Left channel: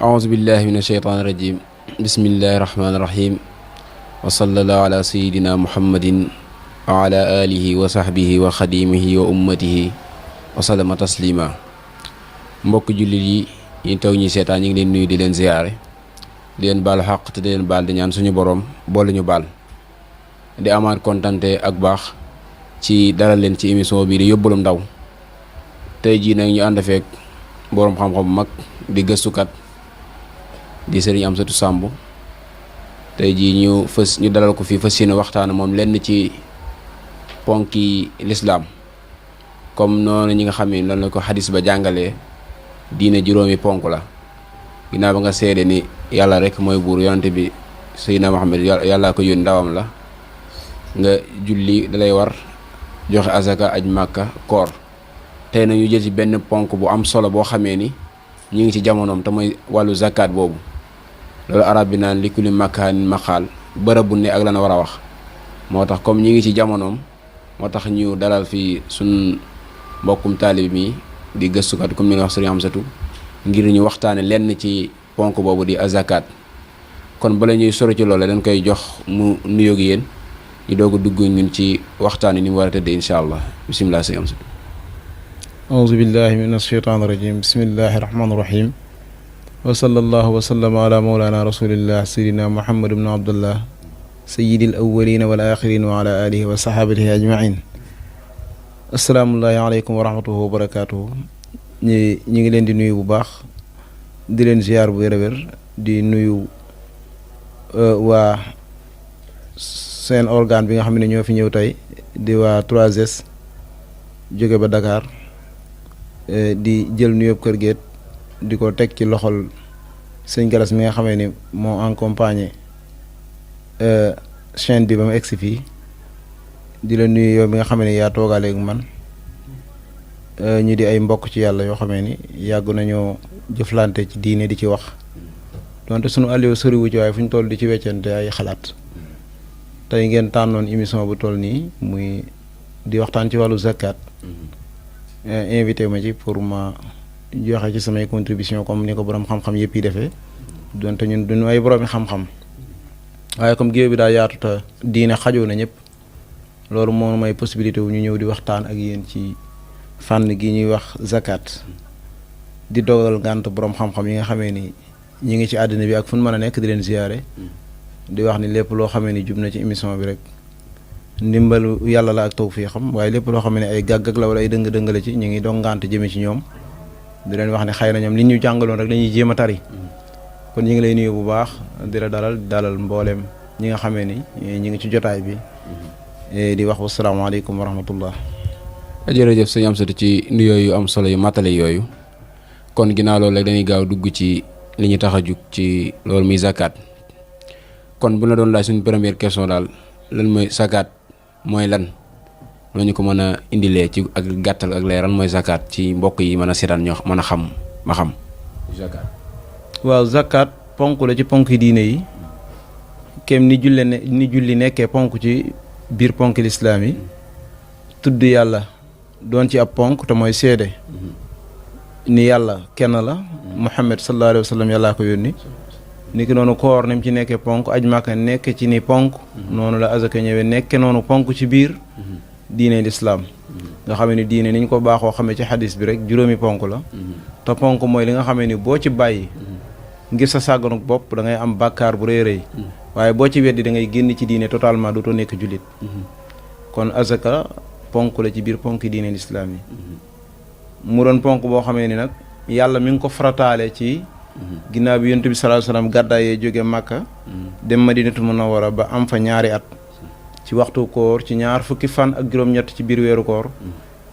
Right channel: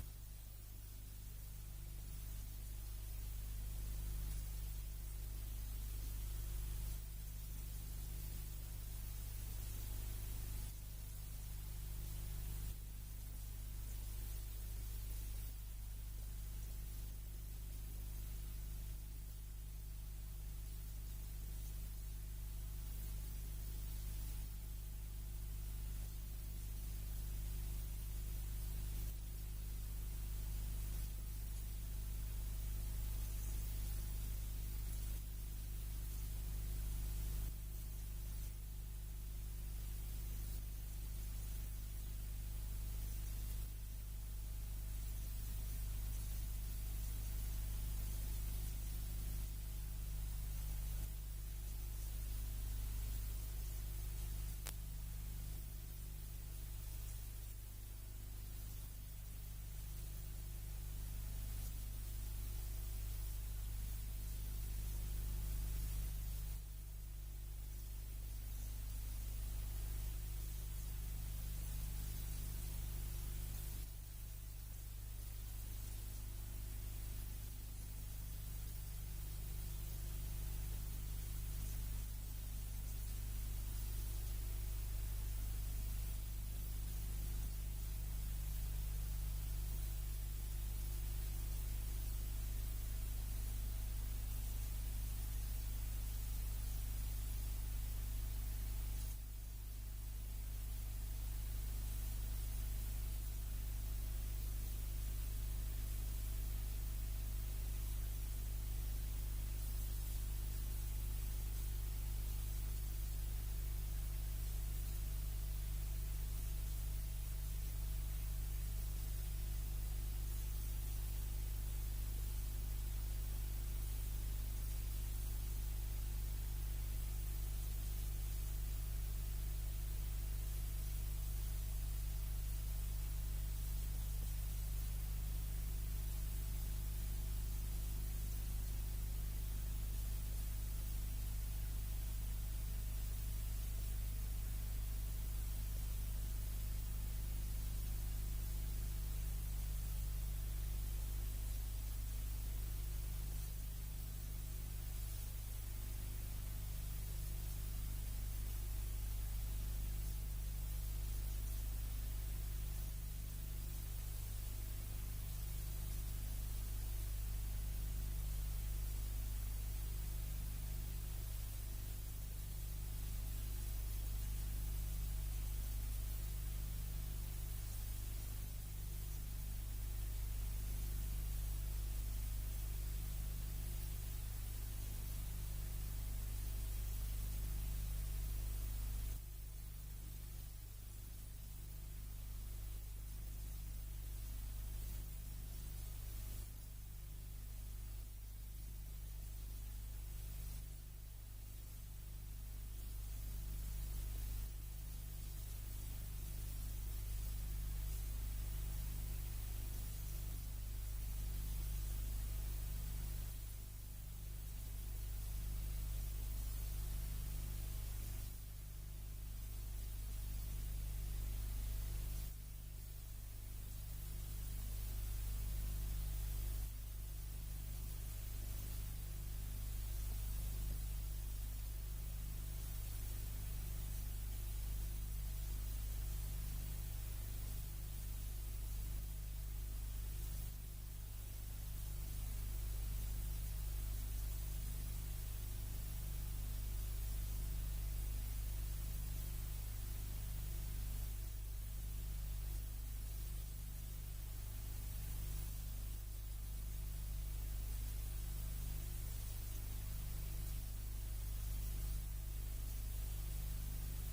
أعوذ بالله من الشيطان الرجيم بسم الله الرحمن الرحيم وصلى الله على سيدنا محمد وعلى آله وصحبه وخديمه وأمته وسلم تسليما mbokk jullit yi taw ñi seetaan ñi ngi leen nuyu di leen ziyaare di leen baal xaq te di leen baal di ñaan suñu borom boole ñu baal di amaat kontante ak baax ci dalal leen ci émission bi di yóbbalum ndaw tey jii nag ñu ànd feek borom xam-xam bu mag di gëstukat di Serigne Amsatou Samb tey jii ñu dalal ko fii fas yéene waxtaan moom lenn ci ponki lislaam comme noonu ñi nga xam ne lan la ko xadis ba jàngalee diine juróomi ponk la ginnaaw ba nga seede ni yàlla rek mooy buur yonante bi Seydina Muhammad yàllaa ko yónni ndawam la nga julli dalay war joxe azaka aj màkka koor tey na ñu jël ci benn ponk bu am solo boo xamee ni ñu ngi ci jamonoom te mooy wàllu zakat boobu loolu arab bi naan li kulli makaanin maqaal bërëb bu ne ak lan war a wax moo tax comme ñi ngi ci jamonoom moo tax ñu dalal fii suñ mbokkum taalib mi di gëstukat comme ni nga wax Serigne Amsatou ngir ñu waxtaane lenn ci ponk boobu di azakat kon bala ñuy sori ci loolu dañ koy jox mu nuyoog yéen ñu doog a dugg ñun ci waxtaane ni mu war a tëddee incha allah bisimilah Serigne Amsatou. auzu billahi min asheytaan irajim bismillahi rahmaani rahim wa sallallahu wa sallama ala mawlana rasulillah sayidina muhammad ibnu abdullah sayidil awalina wal axirin wa ala alihi wa sahabatihi ajmain asalaamullahi aleykum wa rahmatuhu wa barakatuhu ñi ngi leen di nuyu bu baax di leen ziar bu wér-wér di nuyu waa seen organe bi nga xam ne ñoo fi ñëw tey di waa 3S jóge ba Dakar di jël nuyoob kër géet di ko teg ci loxol sëñ Galas mi nga xamee ni moo accompagné chaîne bi ba mu egsi fii di la nuyu yow mi nga xamee ni yaa toogaale ak man ñu di ay mbokk ci yàlla yoo xamee ni yàgg nañoo jëflante ci diine di ci wax donte sunu alliw soriwu ci waaye fu ñu toll di ci weccante ay xalaat tey ngeen tànnoon émission bu toll nii muy di waxtaan ci wàllu zakat invité ma ci pour ma joxe ci samay contribution comme ni ko borom xam-xam yëpp yi defee donte ñun duñu ay boroomi xam-xam waaye comme géew bi daa yaatu te diine xajoo na ñëpp loolu moo may possibilité wu ñu ñëw di waxtaan ak yéen ci fànn gi ñuy wax zakat di dogal ngànt borom xam-xam yi nga xamee ni ñi ngi ci àddina bi ak fu ñu mën a nekk di leen ziyaare di wax ni lépp loo xamee ni jub na ci émission bi rek ndimbalu yàlla la ak tawfiixam waaye lépp loo xam ne ay gàggag la wala ay dëng-dëng la ci ñu ngi doon ngànt jëme ci ñoom di leen wax ne xëy na ñoom li ñu jàngaloon rek dañuy jéem a tari kon ñu ngi lay nuyu bu baax di la dalal mbooleem ñi nga xamee ni ñi ngi ci jotaay bi di wax wasalaamaaleykum wa rahmatullah. jërëjëf sëñ Amsatou ci nuyoo yu am solo yu matale yooyu kon ginnaaw loolu rek dañuy gaaw dugg ci li ñu tax a jug ci loolu muy zakat kon bu la doon laaj suñu première question daal lan mooy zakat mooy lan loo ñu ko mën a indilee ci ak gàttal ak leeral mooy zakat ci mbokk yi mën a seetaan ñoo mën a xam ma xam zakat. waaw zakat ponk la ci ponk yi diine yi kem ni julli nekkee ponk ci biir ponk lislaam yi tudd yàlla doon ci ab ponk te mooy seede ni yàlla kenn la Muhammad sallallahu alayhi wa sallam yàllaa ko yónni ni ki noonu koor ni mu ci nekkee ponk aj Màkka nekk ci ni ponk noonu la azaka ñëwee nekke noonu ponk ci biir diine lislaam nga xamee ni diine ni ñu ko baaxoo xamee ci xadis bi rek juróomi ponk la te ponk mooy li nga xamee ni boo ci bàyyi ngir sa sàgganuk bopp da ngay am bàkkaar bu rëy rëy waaye boo ci weddi da ngay génn ci diine totalement dootoo nekk jullit kon azaka ponk la ci biir ponk diine lislaam yi mu doon ponk boo xamee ni nag yàlla mi ngi ko farataale ci ginnaaw bi yonent bi sallallahu alayhi wasallam gàddaayee jóge Màkka dem Madinatul Munawwara ba am fa ñaari at ci waxtu koor ci ñaar fukki fan ak juróom-ñett ci biir weeru koor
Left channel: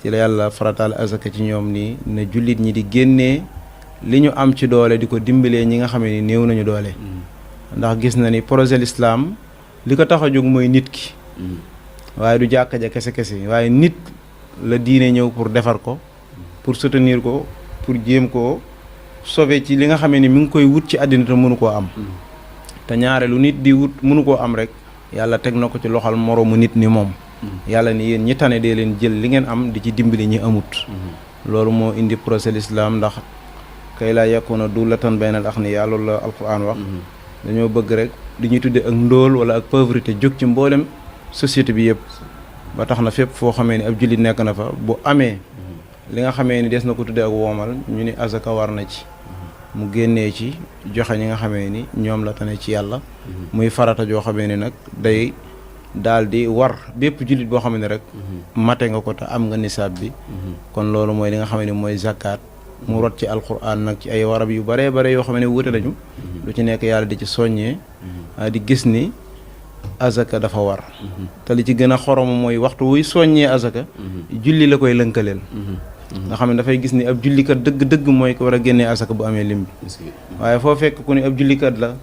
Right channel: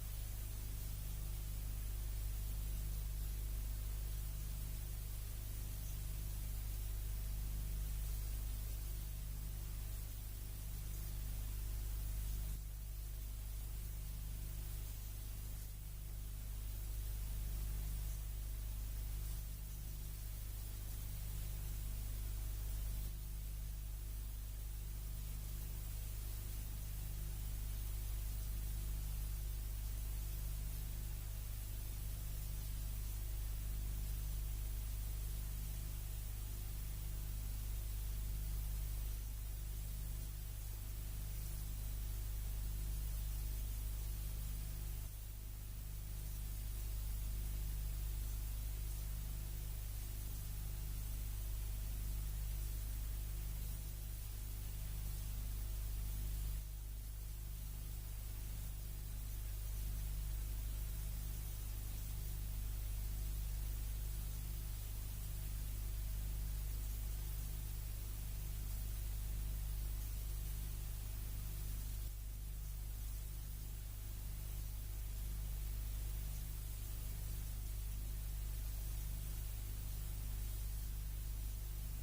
ci la yàlla farataale azaka ci ñoom nii ne jullit ñi di génnee li ñu am ci doole di ko dimbalee ñi nga xamee ni néew nañu doole ndax gis na ni projet l'islam li ko tax a jóg mooy nit ki waaye du jàkka ja kese waaye nit la diine ñëw pour defar ko pour soutenir ko pour jéem koo sauver ci li nga xamee ni mi ngi koy wut ci àddina te mënu koo am te ñaare lu nit di wut mënu koo am rek yàlla teg na ko ci loxal moroomu nit ni moom yàlla ni yéen ñi tane dee leen jël li ngeen am di ci dimbali ñi amut loolu moo indi procès l'islam ndax kay laa yakuna dulatan baynal aghniyaa loolu la alquran wax dañoo bëgg rek di ñuy tudde ak ndóol wala ak pauvreté jóg ci mboolem société bi yëpp ba tax na fépp foo xamee ni ab jullit nekk na fa bu amee li nga xamee ni des na ko tudde ak woomal ñu ni azaka war na ci mu génnee ci joxe ñi nga xamee ni ñoom la tane ci yàlla muy farata joo xamee ni nag day daal di war bépp jullit boo xam ne rek mate nga ko te am nga nisaab bi kon loolu mooy li nga xam ne mooy zakat mu rot ci alquran nag ci ay warab yu baree bare yoo xam ne wuute nañu lu ci nekk yàlla di ci soññee di gis ni azaka dafa war te li ci gën a xorom mooy waxtu wuy soññee azaka julli la koy lënkaleel nga xam ne dafay gis ni ab jullikat dëgg-dëgg mooy ko war a génnee azaka bu amee lim bi waaye foo fekk ku ni ab jullikat la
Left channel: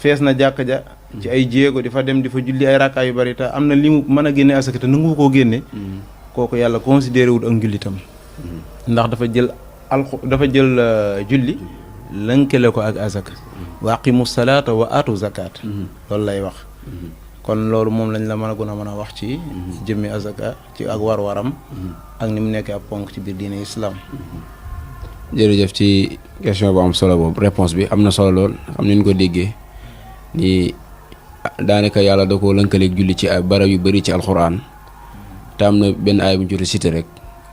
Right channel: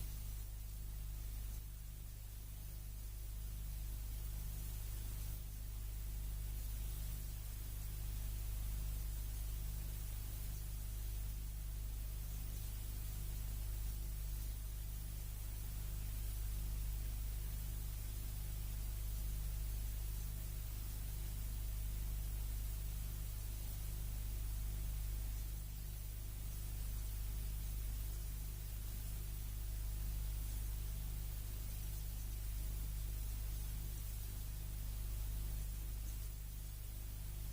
fees na jàkka ja ci ay jéego di fa dem di fa julli ay rakkaa yu bari te am na li mu mën a génne asaka te nangu koo génne kooku yàlla considéré wul ak njullitam ndax dafa jël julli lënkale ko ak azaka wa aqimu salaata wa atu zakat loolu lay wax kon loolu moom lañ la mën a gën a mën a wax ci jëmmi azaka ci ak war-waram ak ni mu nekkee ab ponk ci biir diine islam. jërëjëf ci question bu am solo boobu réponse bi am na solo lool xam ni ñu ko déggee ni daanaka yàlla da koo lënkaleeg julli ci ay barab yu bari ci alxuraan te am na benn aay bu ñu jot a cité rek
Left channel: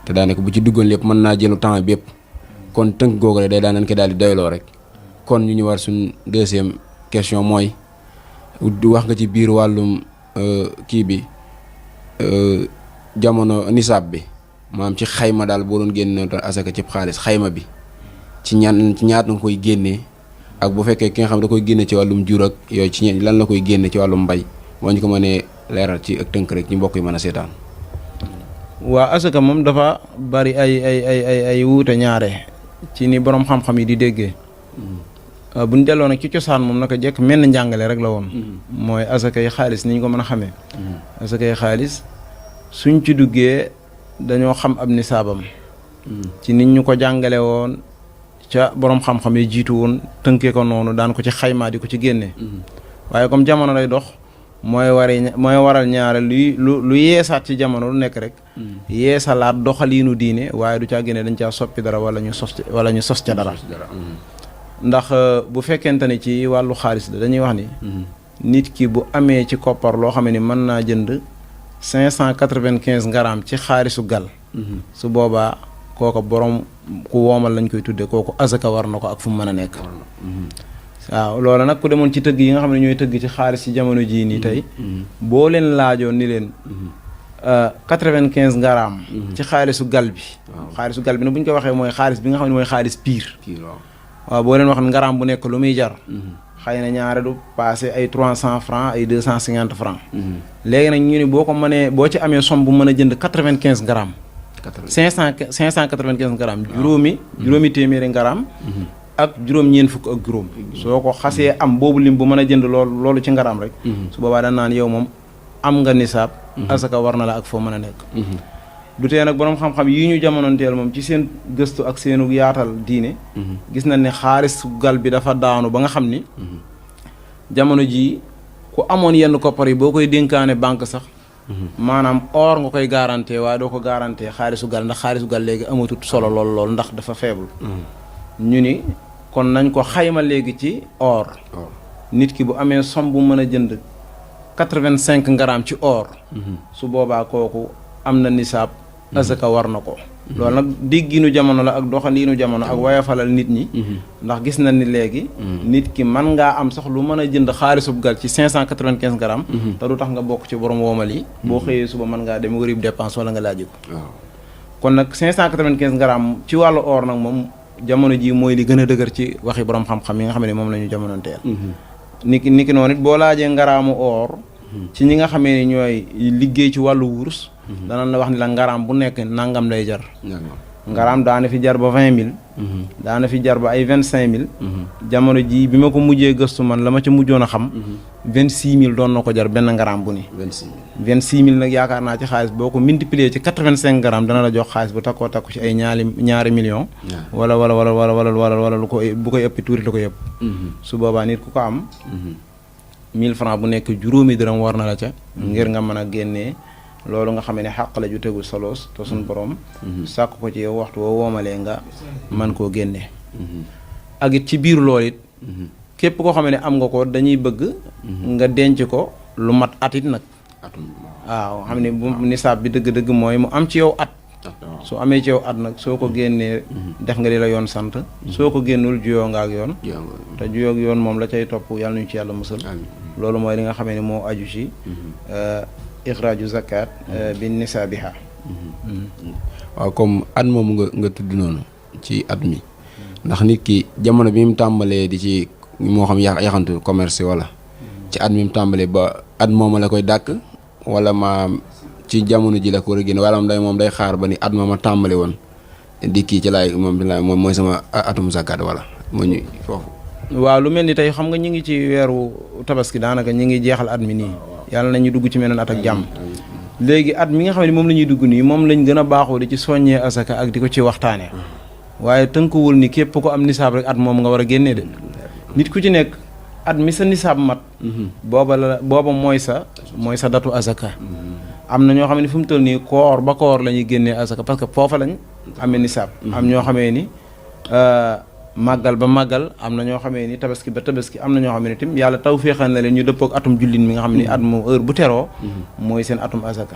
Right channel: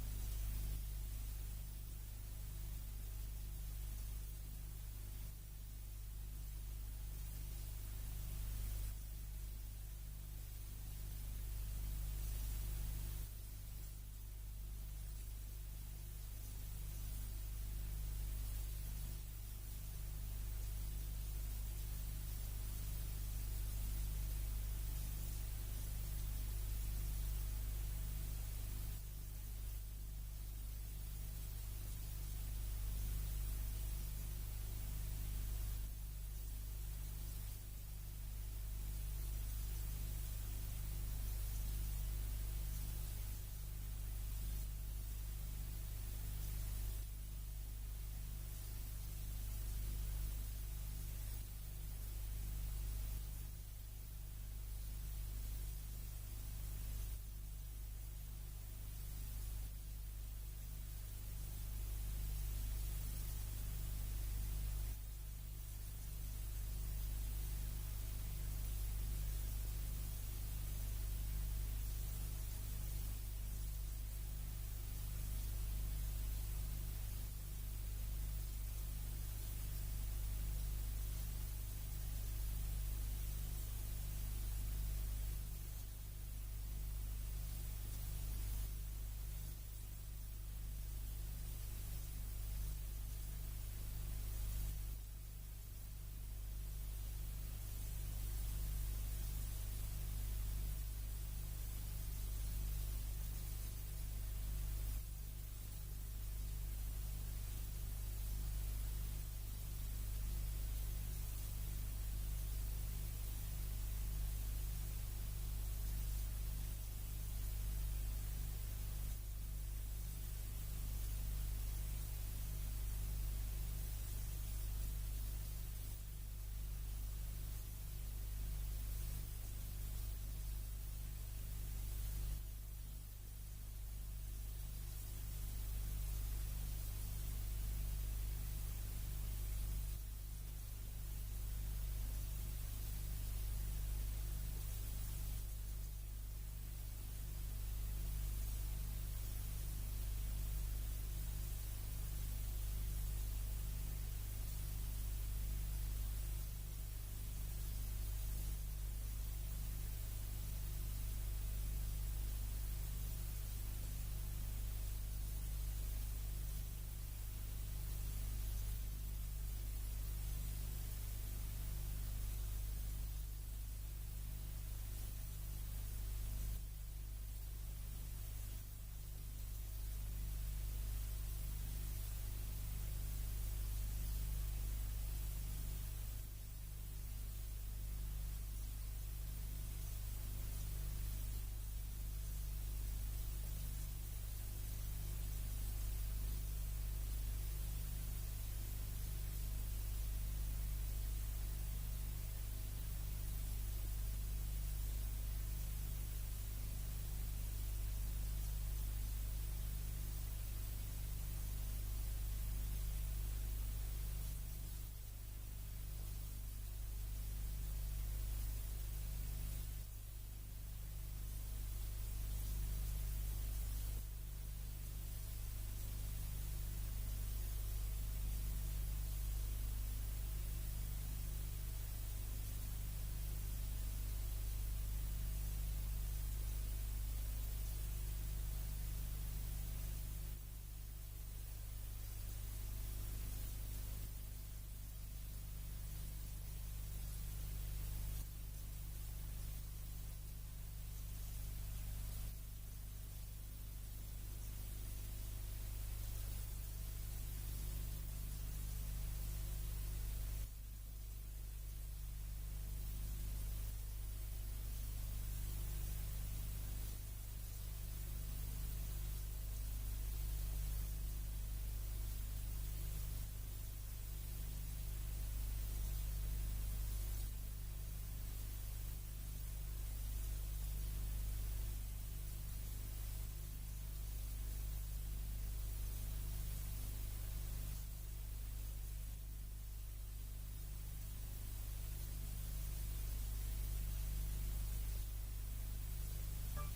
te daanaka bu ci duggoon lépp mën naa jëlu temps bi yëpp kon tënk googu rek day daan nañ ko daal di doyloo rek kon ñu war suñ deuxième question mooy wax nga ci biir wàllum kii bi jamono nisaab bi maanaam ci xayma daal boo doon génne asaka ci xaalis xayma bi ci ñaat nga koy génnee ak bu fekkee ki nga xam da koy génne ci wàllum jur ak yooyu ci lan la koy génne ci wàllum mbay moo ñu ko mënee leeral ci ak tënk rek ñu mbokk yi mën a seetaan. waa asaka moom dafa bari ay wuute ñaare ci ni borom xam-xam yi di déggee bu ñu delloo nag ci cosaan moom naka jekk mel na njàngale rek la woon mooy asaka yi xaalis ni ñu ko mën a xamee asaka yi xaalis suñ ci duggee dañoo xam ab nisaabam ci nit ñu ko jàngale woon ca borom xam-xam yi jiitu woon tënkee ko noonu daan ko ci xaymaa di ko ci génne waaye comme jamono lay dox mooy waral ñaare lu yeesaat ci jamono lu nekk rek yeesalaat doxaliinu diine waaye du caa génne dañ caa soppi dara wala ñu sos ca dara ndax bu fekkente ne ci wàllu xaalis la dañuy wax ni nit ki bu amee ci koppar loo xam ne mën naa jënd 595 grammes ci xaalisu gal su boobaa kooku borom ku woomal lañ koy tudde kooku azaka war na ko ak fu mu mën a nekk waaw loolu nag ku demoon ci tëgg yi nga xam ne ñooy tëgg ci xaalis ci jamono jii nii tey boo leen laajoon ni leen 95 grammes ci xaalisu gal bi xaalisu gal bi nag bu ñu ko waxee mooy xaalis bi nga xam ne mooy xaalis pire waaw boo leen wax ngaram bu nekk lu muy jar xëy na ñaare du passé ay 300 francs ay 250 francs léegi nag ñu ni boo ko mënee boo ci amee somme bu mën a jënd 95 grammes 595 grammes juróomi téeméeri ngaram ak juróom-ñeent fukk ak juróom soo ko xasee am boobu lim bu mën a jënd loolu ci ngaram rek su boobaa dañ naan yow moom am nga nisaab asaka war na la ak foo mën a nekk du tee nag boroom xam-xam yi ñu jamonoonteel moom ci seen gëstu ak seenu yaatal diine gis nañ ne xaalis gal bi dafa daanu ba nga xam ni jamono ji ku amoon yenn koppar yi boo koy dénkaane banque sax maanaam or nga koy garanté waaye doo ko garanté xaalisu gal ndax xaalisu gal léegi amatut solo lool ndax dafa faible ñu ni kon nañ ko xayma léegi ci or nit ki bu amee somme bu mën a jënd 85 grammes ci or su boobaa kooku am na nisaab azaka war na ko loolu nag dégginu jamono la ak doxaliinu jamono ak wayafalal nit ñi ndax gis nañ ni léegi nit ki mën ngaa am sax lu mën a jënd xaalisub gal ci 595 grammes te du tax nga bokk ci borom woomal yi boo xëyee suba mën ngaa dem wërib dépense wala nga laaj ko kon nag 595 grammes ci wàllu or nag moom jamono ji mooy li gën a dëgër ci waxi borom xam-xam yi nga xam ne moom la ñu jamonoonteel niki noonu it boo laajee ngaraamu or ci ñi nga xamee ni ñooy liggéey ci wàllu wurus danañ la wax ni la ngaraam bu nekk nangam lay jar ngaraam daana fi jar ba 20 000 daana fi jar ba ay 25 000 jamono ji bi ma ko mujjee gëstu man la ma ca mujjoon a xam 26 000 doon na ko jar benn ngaraam bu ni 26 000 26 000 nag yaakaar naa ci xaalis boo ko multiplier ci 85 grammes dana la jox xaalis bu takkoo takku ci ay ñaari millions. wala lu ko bu koy ëppi tuuti la ko yëpp. su boobaa nit ku ko am. 1000 francs bu nekk juróomi dërëm war na la ca. ngir nga mën a génnee loolu nga xam ne xàq la ju tegul saloos te suñu borom. sàkk ko ci yow waxtu woo woomalee nga mën koo génnee. ak it ci biir loolu it. képp koo xam ne am nga ko dañuy bëgg. nga denc ko lu mat at it nag. waaw xam ne bu nisaab bi dëgg-dëgg mooy mu am ci yow at. su amee ci yow at nag soo ko génnee def nga li la yoon sant. soo ko génnul juyoo nga ak yoon. te juyoo ak yoon moom la cay topp yàlla nañu ci yàlla musal. loolu mooy li nga xamee ne moo aju ci ixraaju zakat bi nisaabiha. waaw comme at moomu nga tudd noonu ci at mi ndax nit ki jamono bi mu tàmbalee di ci moo xam yaxantu commerce wala ci at mi mu tàmbalee ba at mooma la koy dàkk wala ma ci jamono ji la ko war a génn wala moom day xaar ba ni at ma tàmbale woon di kii ci laay moom mooy sama atum zakat wala moo ñu foofu. waaw lu mel ni tey xam nga ñu ngi ci weeru tabaski daanaka ñu ngi jeexal at mi nii yàlla nañu dugg ci meneen at ak jàmm. léegi at mi nga xam ne moom la ñuy dugg nii moom lañ gën a baaxoo di ci soññee asaka ak di ko ci waxtaanee waaye tënkuwul ni képp ko am nisaab rek at moom nga war a génnee de nit ku ci nekk at mi sa nisaab mat. booba mooy sa datu asaka. am na ñoo xam ne fu mu toll nii koor ba koor la ñuy génnee asaka parce que foofa lañ amee nisaab. am ñoo xamee ni màggal ba màggal am na ñoo xamee ni tabaski ba tabaski am na ñoo xam ne tim yàlla taw féexal na leen ñu dëppook atum jullit mi nga xam ne at moom heure bu teroo mooy seen atum asaka.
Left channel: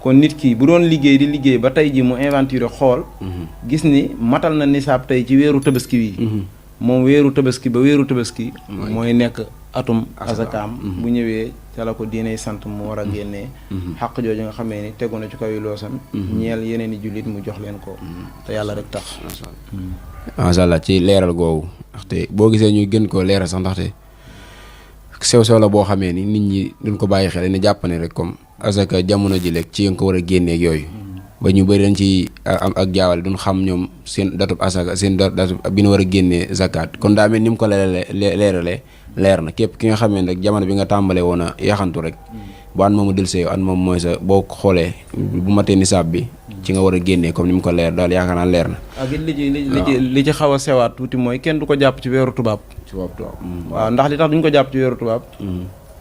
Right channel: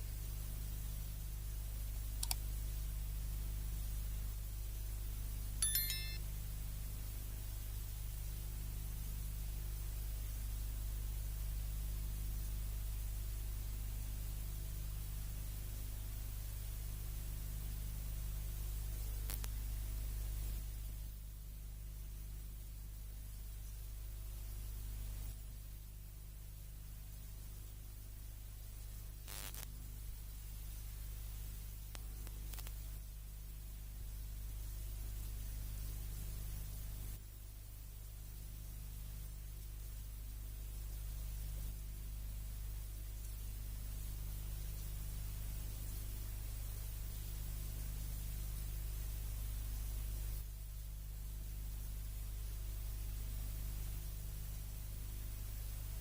kon nit ki bu doon liggéey di liggéey ba tey ji mu inventure xool gis ni matal na nisaab tey ci weeru tabaski wi moom weeru tabaski ba weeru tabaski mooy nekk atum asakaam bu ñëwee ca la ko diiney sant mu war a génnee xaq jooju nga xamee ni tegu na ci kaw yi loosam ñeel yeneen i jullit mu jox leen ko te yàlla rek tax. macha allah ci leeral googu ndaxte boo gisee ñu gën koo leeral sax ndaxte sew-sew la boo xamee ni nit ñi duñ ko bàyyi xel ni jàpp ne rek comme asaka jamono ji rek ci nga ko war a génneeg yooyu ba ñu bëri dañ ci am ak jaawale duñ xam ñoom seen datub asaka seen datub bi ñu war a génnee zakat kon daa mel ni mu ko leeralee leer na képp ki nga xamee ne rek jamono bi nga tàmbalee woon a yaxantu rek bu an moomu dël see an moom mooy sa boo xoolee bu matee nisaab bi ci nga war a génnee comme ni mu ko leer daal yaakaar naa leer na. ak it li ci xaw a sewaat tuuti mooy kenn du ko jàpp ci weeru tubaab. waaw ndax li tax duñ ko jàpp ci weeru tubaab.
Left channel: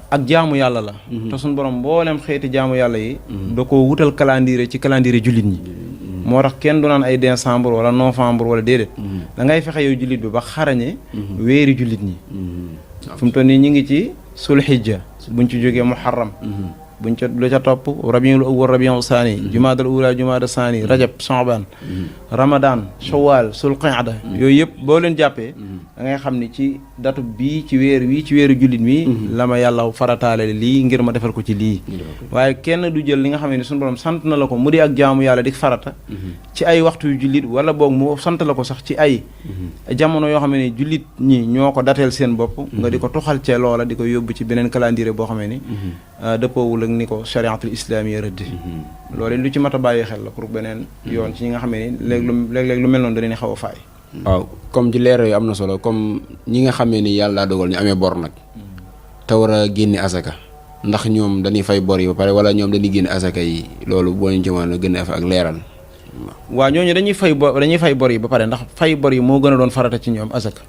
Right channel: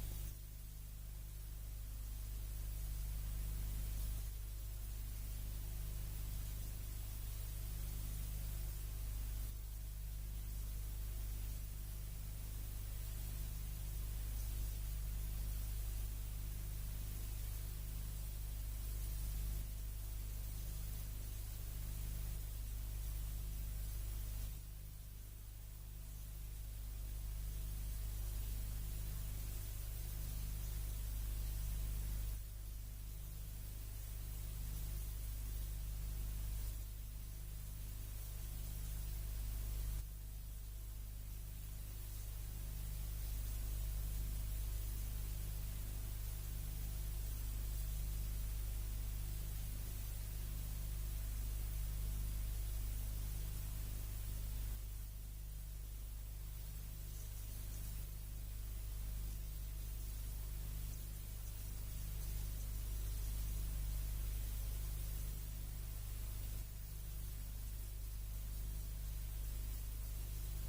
ak jaamu yàlla la. te suñu borom mboolem xeeti jaamu yàlla yi. da ko wutal calendrier ci calendrier jullit ñi. moo tax kenn du naan ay décembre wala novembre wala déedéet. da ngay fexe yow jullit bi ba xarañe. weeri jullit ñi. fu mu toll nii ñu ngi ci sulhijja buñ ci jógee muharram buñ ca lu ca topp rabiul awwal rabiul saani jumaadal ula jumaada saani rajab sha'ban ramadan shawwal sul qa'da yooyu yëpp boo leen jàppee da ngay xam ni ci datu bii ci weer wii ci weeru jullit mi la ma yàlla farataale lii ngir ma defal ko ci lii waaye kenn du jël li nga xam ne suñu borom sant na la ko mu di ak jaamu yàlla di farata ci ay waxtu yu jullit wala boog mu sant la ko sax ci ay jamono yoo xam ne jullit ñi ñoo ko dateel seen bopp nga di ko toxal ca loola di ko yóbbu ci beneen calendrier boo xam ne dëppoowul ak ni ko chariatul islamiyya rëdd loolu lu ci mat a bàyyi xel la pour beneen yoon ci ñi nga xam ne léeg-léeg lu mel noonu dañuy xaw a faay. waaw comme ci leer yu am na solo comme ñi nga xamee ni yàlla dogal ñu amee bor nag te war a génne asaka ndax ñoom dañuy fay bor yi ba pare wala ñoom dañuy génne asaka yi loolu boo ñu ci mën a gën a ak leeral. waaw ñooñu dañuy fay bor yi ba pare ndax fay bor yi moo gën a doon farata ci ñoom asaka.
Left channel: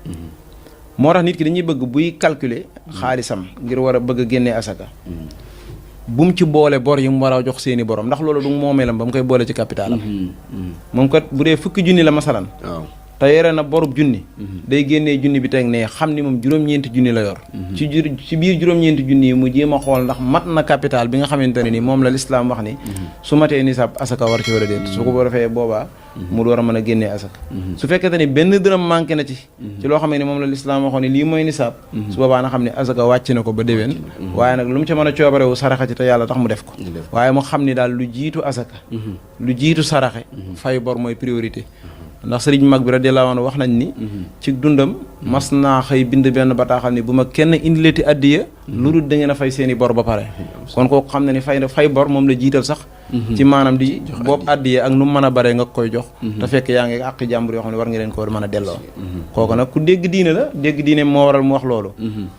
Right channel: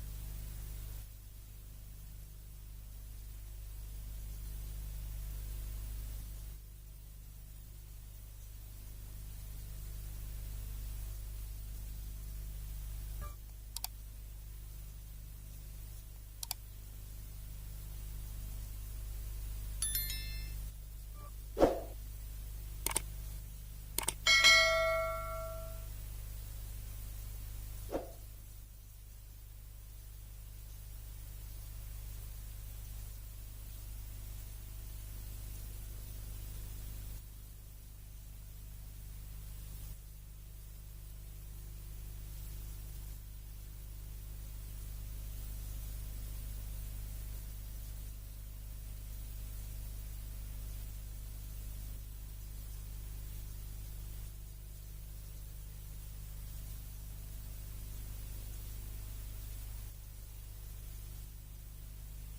moo tax nit ki dañuy bëgg buy calculer xaalisam ngir war a bëgg a génnee asaka. bu mu ci boole bor yi mu war a jox seeni borom ndax loolu du moomeelam ba mu koy boole ci capitalam moom kat bu dee fukki junni la masalan te yore na borub junni day génnee junni bi teg ne xam ni moom juróom-ñeenti junni la yor ci biir juróom-ñeenti junni yi mu jéem a xool ndax mat na capital bi nga xamante ne ni moom la lislaam wax ni su matee nisaab asaka war ci war a déet su ko defee boobaa mu door a mën a génnee asaka su fekkente ni benn dërëm manqué na ci loo xam ne moom la lislaam waxoon ne lii mooy nisaab su boobaa na xam ne asaka wàcc na ko ba déwén waaye nag lu mu ca mën a coobarewu saraxa ci te yàlla tax mu def ko waaye mu xam ni daal lu jiitu asaka lu jiitu saraxe fay bor mooy priorité ndax sëriñ mag bi radiyallahu anhu wax nañ ni ci dundam mas naa xëy bind benn bataaxal ni bu ma kenn indileti addiya lu dul da ngeen a fay seeni bor ba pare kon kooku xam ne ni fay bor moom la jiital sax ci maanaam di boobu addiya ak nu mu mën a bare nga koy jox te fekk yaa ngi àq jàmbur yoo xam ne war nga leen ko mën a delloo kooku nag ku dégg diine la dégg diine moo waral mu wax loolu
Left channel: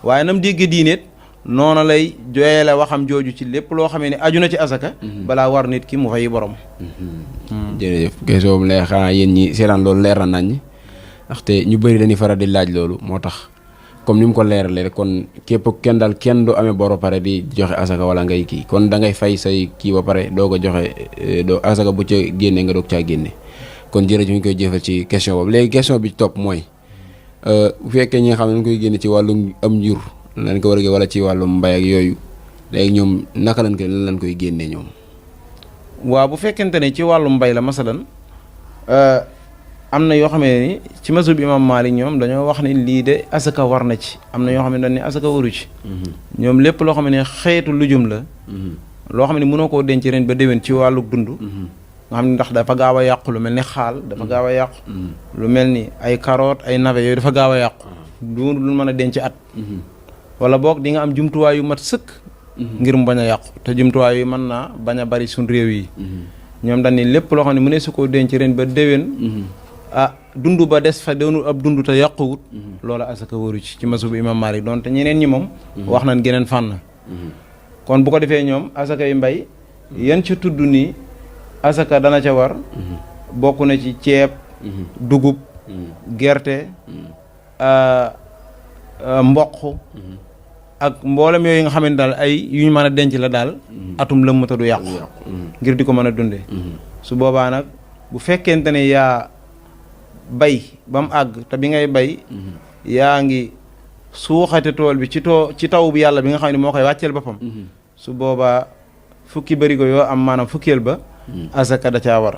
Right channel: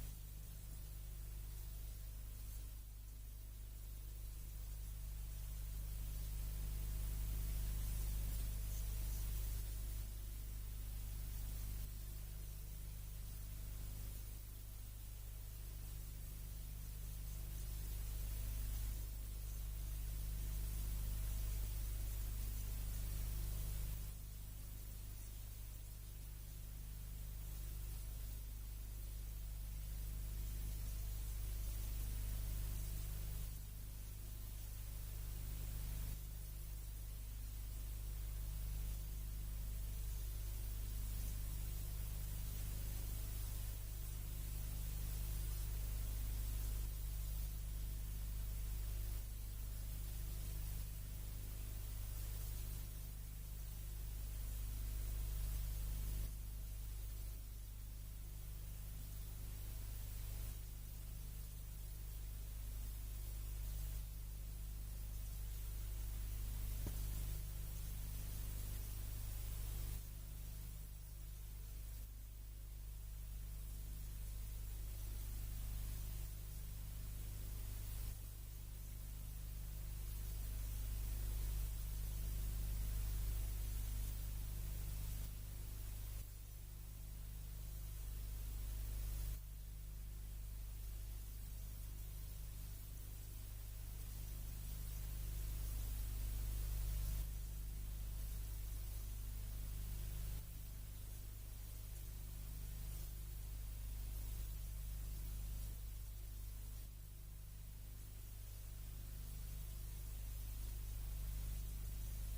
waaye nam dégg diineet noona lay joyele waxam jooju ci lépp loo xamee ne aju na ci asaka balaa war nit ki mu fay borom. jërëjëf question boobu leer xanaa yéen ñi seetaan loolu leer na nañ ndaxte ñu bëri dañuy faral di laaj loolu moo tax comme ni mu ko leeralee rek kon képp kenn daal kenn du amee bor ba pare di joxe asaka wala ngay kii kon da ngay fay say kii ba pare doo ko joxe doo asaka bu ca génne nga doog caa génne kon jërëjëf ñu koy jëfal ci question boobu léegi question bi ci topp mooy bu fekkee ñi nga xam ne dañ koy génne ci wàllum am njur lañ ko war a wala ci wàllum mbay ak yooyu léegi ñoom naka lañ koy génnee ñoom. waaw bu fekkente ne ci wàllum mbay la masalan am na yoo xam ne ni ci mazhab imam Maalik ñoom dañoo wax ne lii de asaka war na ci am na yoo xam ne dañ ne asaka waru ci ñoom lépp loo xam ne xeetu lujum la loo xam ne mënoo koo denc ren ba déwén ci wàllu dund nga xam ne ndax dafa gaaw a yàqu lu mel ni xaal dafa gaaw a yàqu lu mel ni ay carotte ay navet yooyu dafa gaaw a yàqu du mën a denc at wala boog di nga am jumtuwaay yu mat sëkk ngir mu bañ a yàqu te jumtuwaay yu mën naa bañ a bari suñ réew yi ñoom dañ ni lépp loo xam ne mënee su koo denc ren ba déwén dund ba des fa doonul ab dund te yàquwut loola asaka waru ci mazhab bu imam Maalik doon te ñeneen ñi moom wax nañ geneen fànn kon bu ko defee ñoom asaka yu mbay yan ci tudd nii asaka dana ca war bokk na ci ceeb dugub gerte mboq ak mboolem yooyu nga xam ne daal ay yu ñu mën a denc la daal atum lëmm te du yàqu ngir di ko mën a dunde su boobaa nag bu fekkente ne yaa bay ba mu àgg te bi ngay bay yaa ngi suuxate tool bi ci taw bi yàlla bi nga xam ne moo koy wàcceel boppam su boobaa fukki barigo yoo am maanaam fukkeel ba asaka da caa war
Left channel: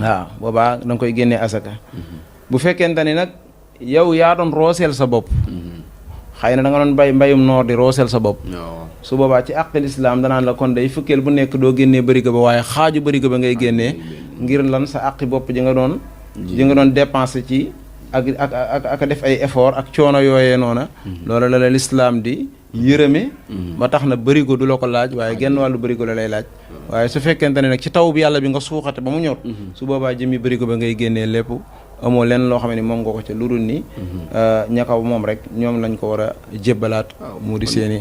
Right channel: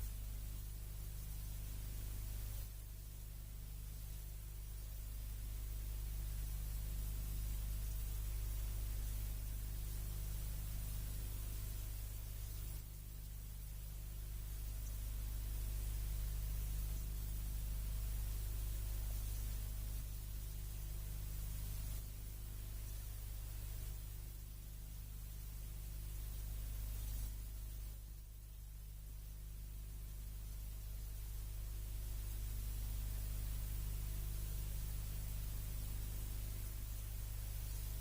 waaw boobaa da nga koy génnee asaka bu fekkente ni nag yow yaa doon rooseel sa bopp xëy na da nga doon bay mbayum noor di rooseel sa bopp su boobaa ci àqil islaam danaan la kon day fukkeel bu nekk doo génnee barigo ba waaye xaaju barigo ba ngay génnee ngir lan sa àqi bopp ji nga doon dépensé ci ak def ay effort ak coono yooyee noona loolu la lislaam di yërëme ba tax na barigo du la ko laaj waaye genn wàllu barigo la lay laaj waaye su fekkente ne nag ci taw bi yàlla bi nga suuxate ba mu ñor su boobaa jëmmi barigo ba ngay génnee lépp amoo lenn loo xam ne moom nga ko ca lu dul ni ña ko moom rek ñoom lañ ko war a jébbalaat mu di seen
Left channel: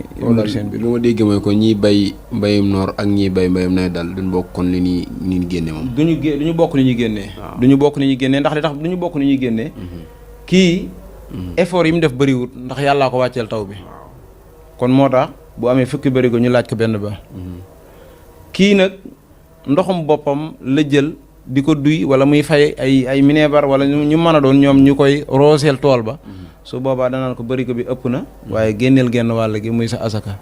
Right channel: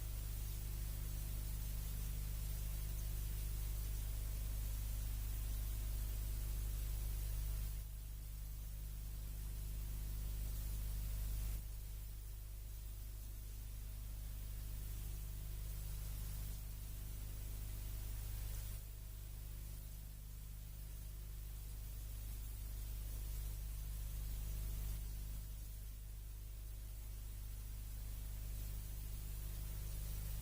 biir bu ma déggee mooy kon ñiy bay mbayum noor ak ñiy bay mbayum nawet daal duñ bokk kon li ñuy génne moom duñu bokk ni ñuy génnee duñu bokk ni ñuy génnee ndax li tax duñu bokk ni ñuy génnee kii effort yi mu def bëriwut ndax yàllaa ko wàcceel taw bi kon moo tax bu amee fukki bërigo ñu laaj ko benn ba kii nag ndoxum boppam la jël di ko duy wala muy fay ay minebar wala ñu mën a doon ñoom ñu koy rooseel tool ba su boobaa danaan ko barigo bi ëpp na waaye génneel genn wàll gi muy sa asaka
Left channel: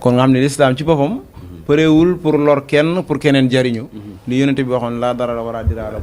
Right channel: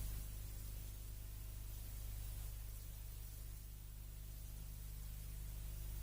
kon nga xam ne lislaam ci boppam përéewul pour lor kenn pour keneen jariñu li yonente bi waxoon laa dara la war a diraala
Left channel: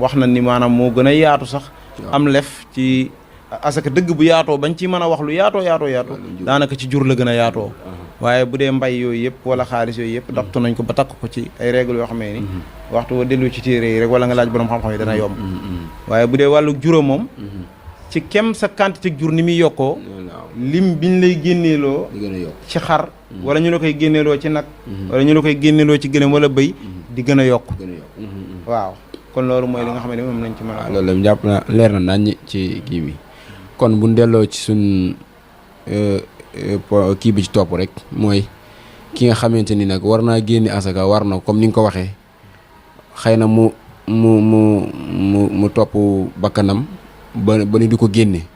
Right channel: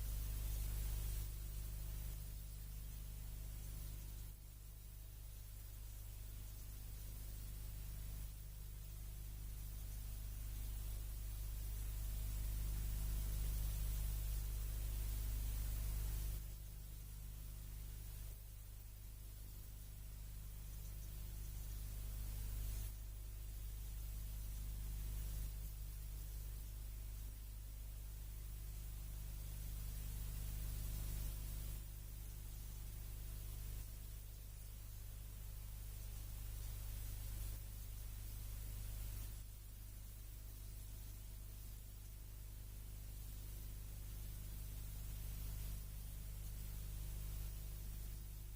wax na ni maanaam moo gën a yaatu sax am lef ci asaka dëgg bu yaatoo bañ ci mën a wax lu yaatoo daanaka ci jur la gën a yaatoo waaye bu dee mbay yooyu yëpp wala xaalis yooyu yëpp daptu nañ ko ba takk ko ci ay règle yoo xamee ni waxtu wa dellu ci téere yi rek wala nga laaj borom xam-xam yi dana yomb waaye bu dee wàllu juróom moom ci kem sa quantité jur ni muy yokkoo lim biñ lay génneeloo ci xar wala ñu la koy génneeloo ci nag wala ñu la koy génneeloo ci gëléem wala bëy di gën a yokk waaw kon loolu mooy li nga xam ne moom lañ ci mën a loolu jàpp na leer na nañ ci kii bi kon bu ñu delloo ci suñ kii bi ci topp rek mooy ki nga xamante ni nag war naa génne asaka war na comme ni nga ko waxee xëy na mu topp bakkanam ba ni du ko génne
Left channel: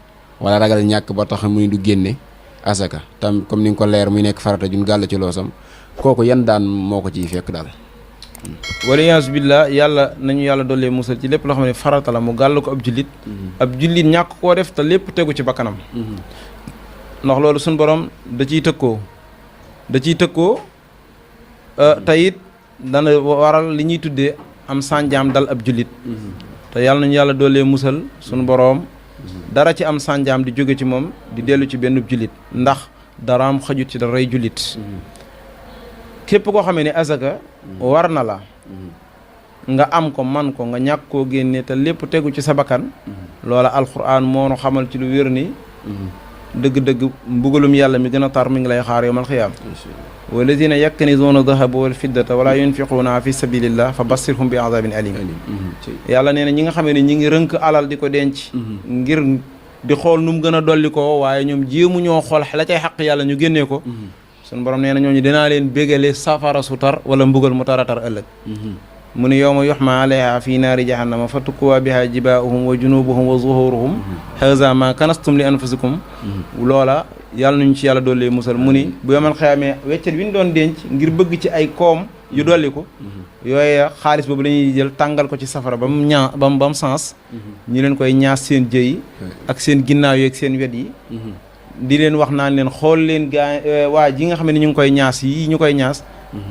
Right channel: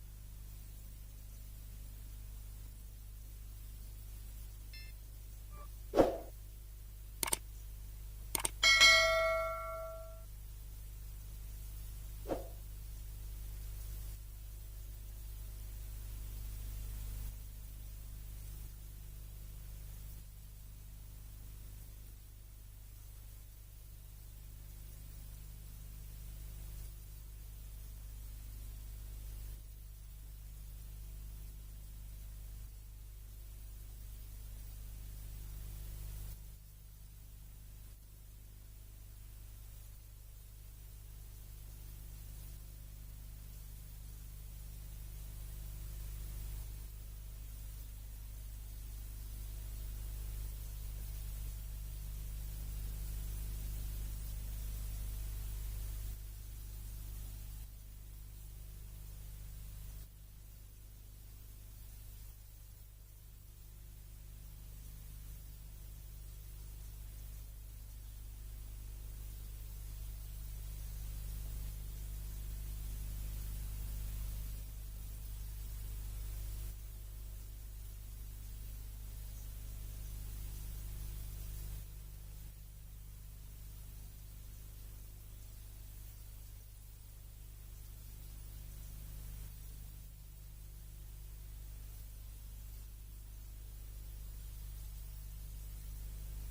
wala ragal ñàkk ba tax muy du génne asaka tam comme ni nga ko leer muy nekk farata jun gàll ci loosam kooku yan daan moo ko ciy fekk daal. waliyaasu billah yàlla nañu yàlla dollee musal ci lépp loo xam ne farata la mu gàll ko ab jullit ab jullit ñàkk koo def te lépp tegu ci bakkanam ndax loolu suñ borom da ciy tëkkoo te it dana waral li ñuy tuddee am sànjaam dal ab jullit te yàlla nañu yàlla dollee musal suñu boroom dara ci am sànjaam di jóge ci moom di dellu ci benn jullit ndax daraam xajut ci daray jullit képp koo xamee ne azaka war na la nga am ko man ko nga ñàkk koo génne te lépp tegu ci sa bakkan loola alxuraan moo nu xamal ci lu wér ni dëgg-dëgg mbugalum yàlla mi gën a tar mi ngi lay xaar yawmal xiyaam walladina yaknizuuna dahaba wal fiddata wala yunfiquuna fi sabilillah fa bassirhum bi azabin alim yàlla nee na ñi nga xamee ne ñi ngi rënk alal di ko denc ngir di xool nu mu gën a dolli ko waaye ñoom jéemu ñoo xool la cay xaq yàlla ñu génnee ko suñu borom nee na ñooñu dinaa leen bégale safara su tar wala mbugal mu tar a tar ëllëg mu ne yawma yuhma alayha fi naari jahannama fa tukkuwa biha jibaahum wa junubuhum wa zuhuruhum haza ma kanastum li anfusikum loola yàlla nañu ci yàlla dolli musal mu ni bu yomal xeyaamee weccet bi ñu doon denc ngir bëgg ci ay koom yu dolli ko yooye xaalis boobu la ñuy jël tàngal ko ci safara ba mu ñaa ba mu sens ñu leen koy ñaas seen jëy ak seen ginnaaw yi ak seen wet yi di leen wax naan leen xool leen gaa waa ji nga xam ne ñu ngi koy ñaas yi ñu koy ñaas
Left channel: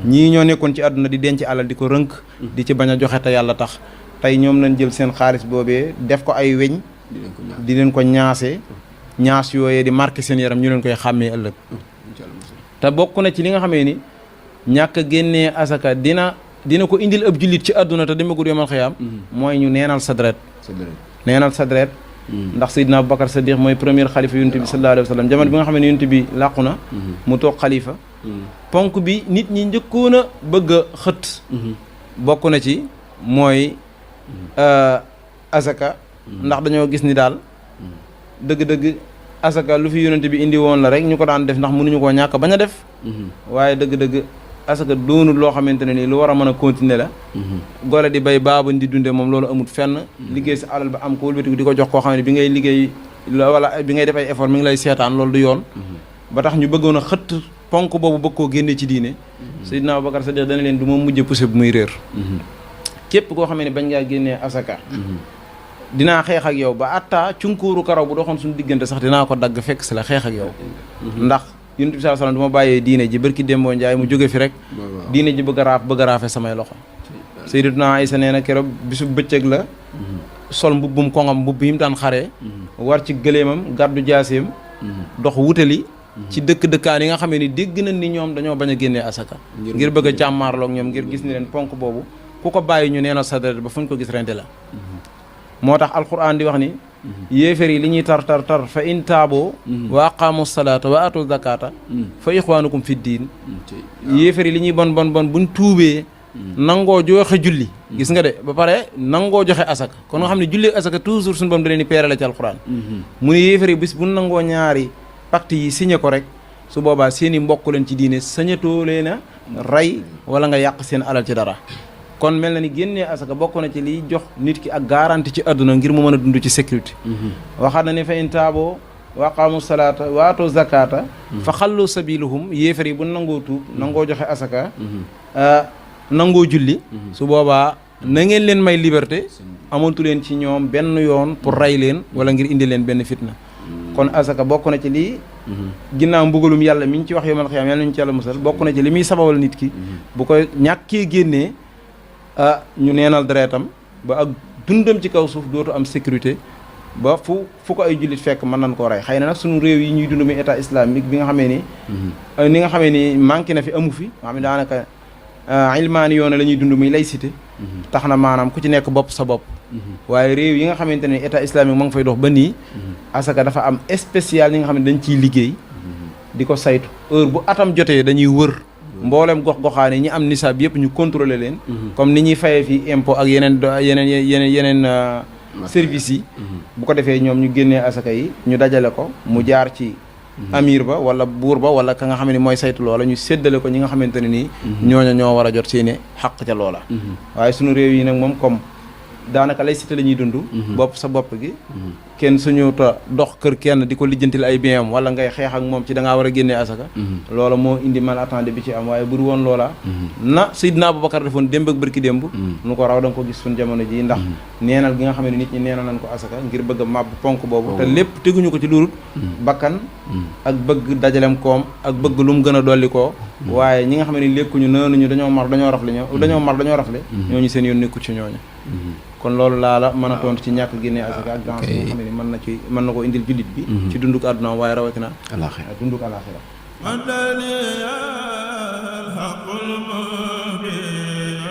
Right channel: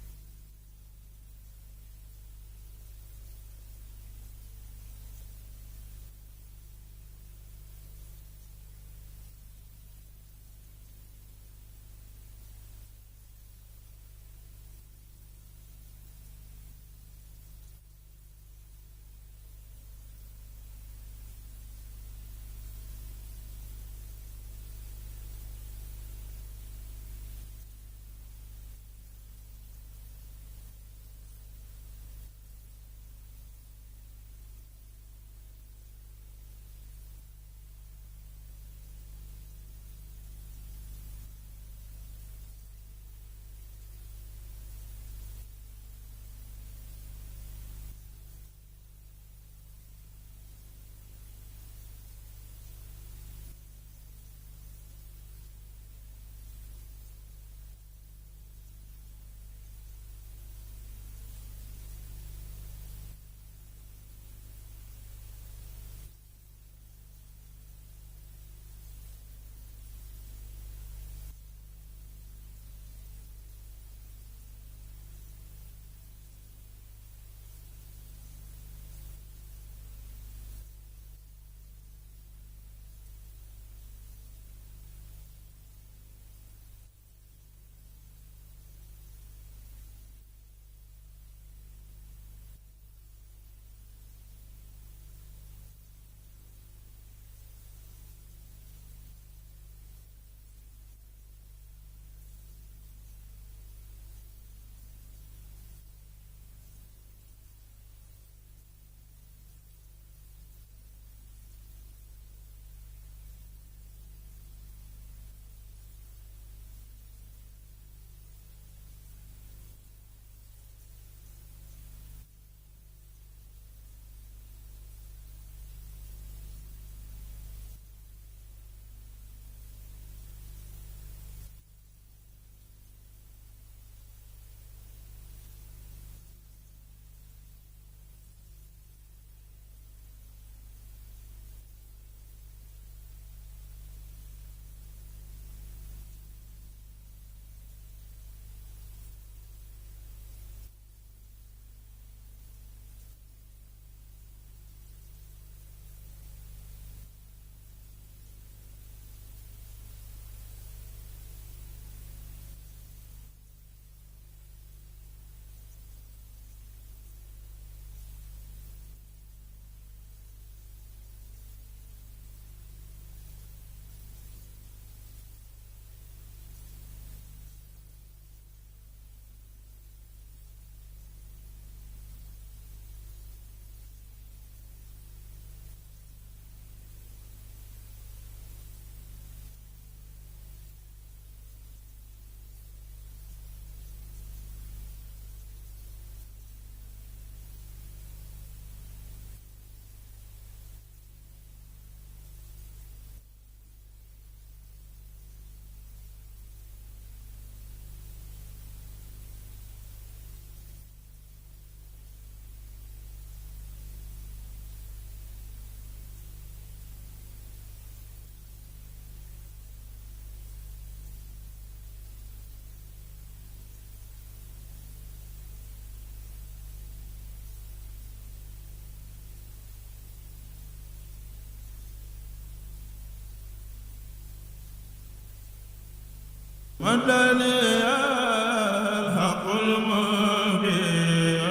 ñii ñoo nekkoon ci àdduna di denc alal di ko rënk di ci bañ a joxe te yàlla tax tey ñoom lañ jël seen xaalis boobee def ko ay weñ di leen ko ñaasee ñaas yooyee di marqué seen yaram ñu leen koy xàmmee ëllëg te bokk na ci li nga xamee ni ñàkk a génnee asaka dina ko indil ab jullit ci àdduna te demagul yomal xiyaam mooy ñu neenal sa deret ndax Seydina Aboubacar Sadiq mooy premier xalifa yonent bi sallallahu alayhi wa sallam jamono bi nga xam ne yonent bi làqu na mu toog xalifa ponk bi nit ñi njëkkoon a bëgg a xët bokk na ci mooy asaka ndax dañoo gis ni daal dëgg-dëgg asaka lu fi yonent bi indi woon la rek ñu ko daan def ndax mënuñu koo ñàkk bañ a def waaye dëgg-dëgg asaka doonul loo xamante ne nii lu war a mën a continuer la gole di bay baabañ di dunde moom loolu amut fenn liggéey sa alal ba am ko wëlbatiku di ko jox koo xam ne bi ngay liggéey wala bi ngay def ay effort mi ngi lay seetaan loolu du yoon ba tax ñu bëggoon a xëtt ponk boobu bëgg koo génne ci diine Seydina Aboubacar Sadiq dana leen du ma mujj poussé bu muy réer képp koo xam ne bañ ngaa génnee asaka dinaa xeex ak yow ba atta cunkuuru karaw bu doxoon suñu diggante sax dinaa ko dagg fekk si la xeex ak yow ndax yonent bi sallallahu alayhi wasallam du ma bàyyee diine ji barki Dembo Njaay mu jóge fi rek diine ji bëgg a raafe samay loxo Sayyidatuna Aysa nee na keroog bisu bëccëg la sol mbubbum koŋam mbubb yi mu daan xaree war ci gëléemam gàddu jaaseem dox wutali ci dëkkaan yi nga xamee ni dégg nañ ni ñoom dañoo bañ a génnee asaka ngir bëgg a jàmmaarloog ñoom ngir gis ni leen ponk boobu ku ko bàyyi ñu neenal sa deret ba fu ñu ko gis rente la moo tax alquran di wax ni yéefér yi li ñuy tar fa in taaboo wa aqaamu salaata wa atu zakata fa ixwaanukum fi diin yéefér yi li ñuy bon buñ tuubee nangoo joxe julli gis nga de ba pare nangoo joxe asaka kon nga xam ne julli asaka toujours suñu bam da leen di peere la ci alquran mu ne yéefér yi bis bu nangoo ñaari pacte yi signé ko rek su boobaa seen i mbokk leen ci diine sañatoo leen a rey wala nga yàq seen alal ci dara kon mel na ni génnee asaka bokk na ci liy jox nit ki ak garantie ci àdduna ngir mu mën a dund ci sécurité waxaat na ne fa in taaboo wa aqaamu salaata wa aatu zakata fa xallu sabiluhum yéefar yi bu nangoo tuub nangoo joxe asaka nangoo julli su boobaa na ngeen leen may liberté amantu leen ci ñoom benn yoon pour rey leen wala ngir indi leen benn fitna kon asaka bokk na ci lii ginnaaw mbugalum yàlla mi ñu ci wax yawmal xiyaam yàlla ñu ci yàlla musal bokk na ci li muy sababal nit ki bu ko ñàkkee génnee ñu neenal deretam ba ak dundam ci kaw suuf dootu am sécurité ba fu ko ay jullit fekk mën nañ koo rey xëy na nag suñu réew yi ñuy dund muy état islamique bi nga xamee ni nga xamee ni manqué na fi amu fi nga xam ne daanaka ilmaani yoon la ñuy dund muy laïcité tax na maanaam ku ci nekk bopp sa bopp waaye réew yi nga xamante ne état islamique ma ngi fay dox ba nii asaka dafa am spécial yi nga xam ne dañ ciy liggéey di ko saytu heure bu atam jotee dañuy wër mboolem gox-goxaane ñi am nisaab yëpp ñu contrôler leen comme ni ñuy fayee fii impôt ak yeneen services yi bu ko defee ñoom ñu génnee asaka yi ñu dajale ko mu jaar ci amir ba wala buur ba wala ka nga xam ne mooy saytu loola ñu séddale ko ñi nga xamante ne nii ñooña ñoo war a jot seeni xaq ca loola waaye suñu réew yi nag moom comme daanaka lay cité la ñuy dund bopp sa bopp gi kenn suñu ta dox kër kenn di ko lijjantil ay bien am wala ngay xeex ak moom ci da ngaa war a génnee asaka loola moo indi mal attendé bi ci am waaye buru woon loola na Seydina Aboubacar defoon démb ak bërki démb nu ko raw da nga ko gis suñ jamono ji ndax neenal gi nga xam ne nit ñi neenal nañ ko asaka ngir bëgg a màbb ponk boobu te lépp teguñu ko ci lurut bakkan ak bëgg dajalem koom ak bëgg lu mu gën a dolli koo waaye ñi nga xam ne lekkuñu naanuñu dañoo mar dañoo rafle ñooñu seen yoon nekku ci ñooñu kon loolu laa la mën a tontu ci ñàkk génnee asaka ak gans yi nga xam ne mën na ko indil jullit bi ci dunduk àdduna waaye rawatina dunduk alaxira madani al haqul mubin